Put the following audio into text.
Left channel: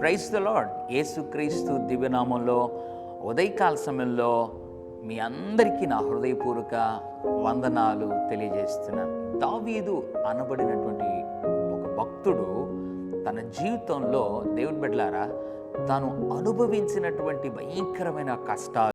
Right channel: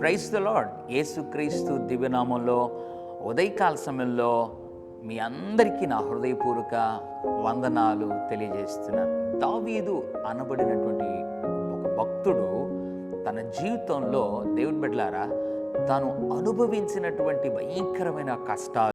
Price the lord యేసుక్రీస్తు దివ్యనామంలో ఉదయకాల సమయంలో మీ అందరికీ నా హృదయపూర్వక వందనాలు తెలియజేస్తున్నాను. దావీదు అనబడినటువంటి ఒక భక్తుడు తన జీవితంలో దేవుడి బిడ్డలారా తాను అనుభవించినటువంటి భయంకరమైన కష్టాలు